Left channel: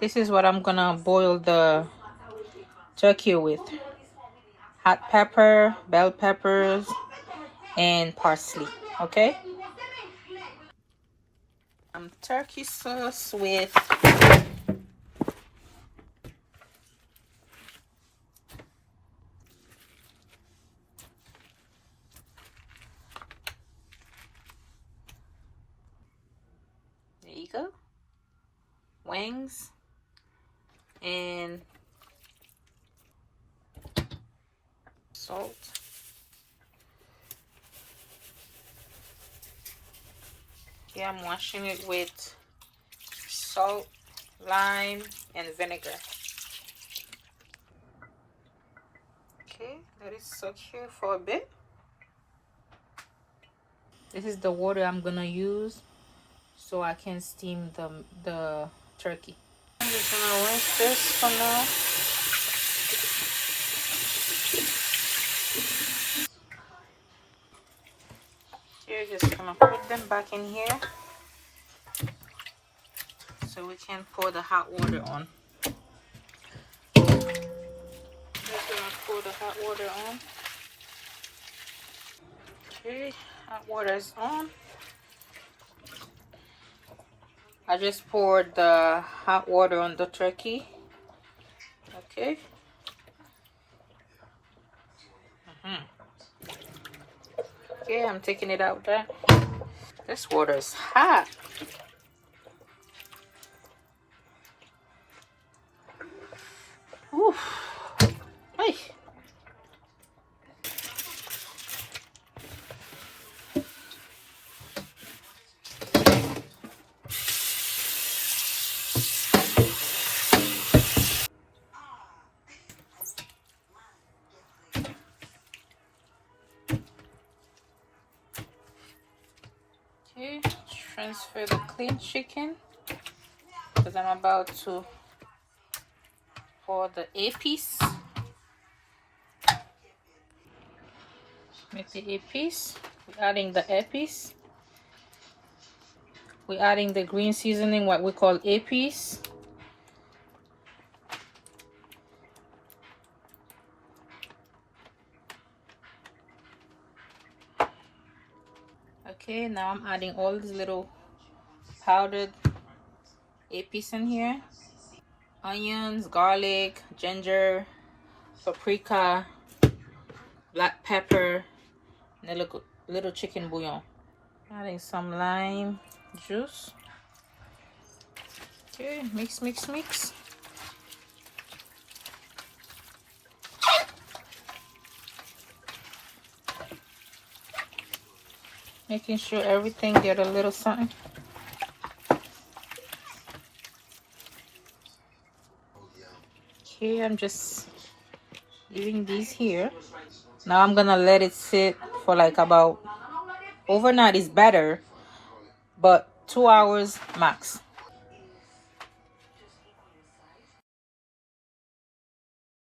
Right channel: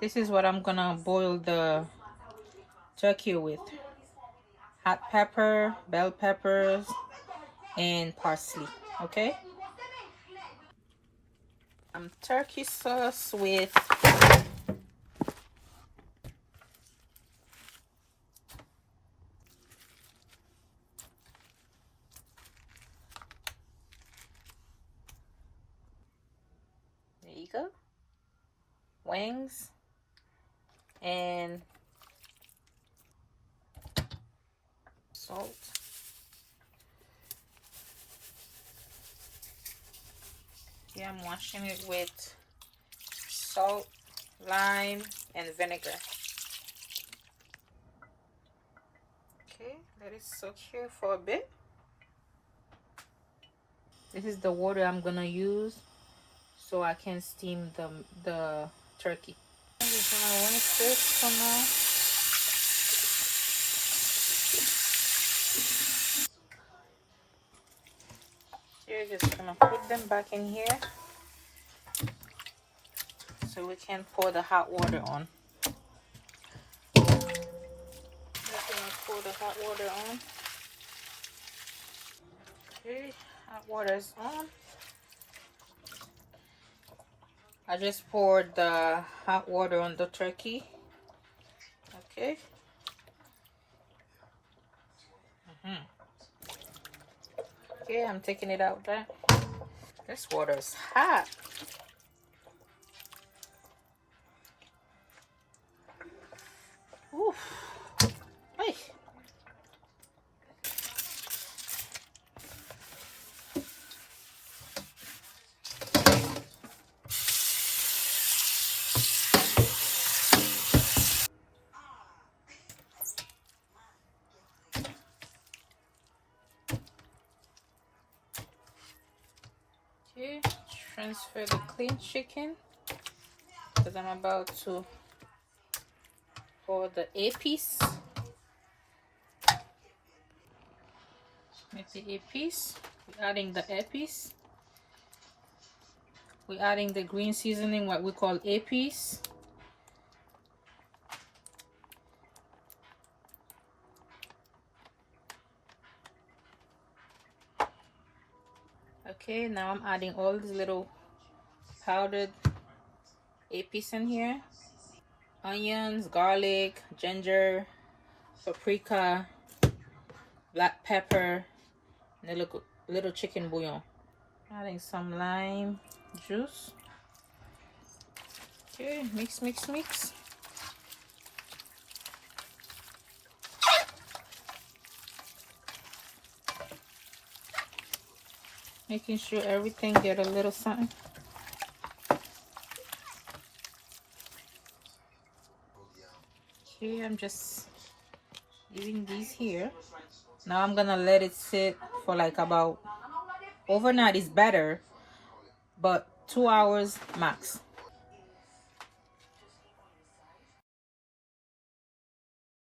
This is what I'm gonna boil the turkey with: hot pepper, bell peppers, and parsley. Okay. Turkey sauce with there you go, wings and salt. Here I'm washing it with salt, lime, and vinegar. Okay, let it soak here for a bit. This is the water I'm gonna use so I can steam the turkey. I'm just gonna rinse this for now. You're just gonna put them back in here so we can pour the hot water on. Just gonna pour the hot water on. Okay, hot water is on. I just poured the hot water on the turkey. Okay. Okay, I'm taking it out there. This water is hot. Oof. Hey. Okay, transfer the clean chicken because I'm about to pour the A-piece. With the A-piece, we're adding the A-piece. We're adding the green seasoning, what we call A-piece. Okay, now I'm adding all these little powdered A-piece in here. Onions, garlic, ginger, paprika, black pepper, and a little chicken bouillon. Adding some lime juice. Okay, mix, mix, mix. Making sure everything get a little something. Okay, I'm just leaving these here. Now I'm gonna let it sit for like about overnight is better, but 2 hours max.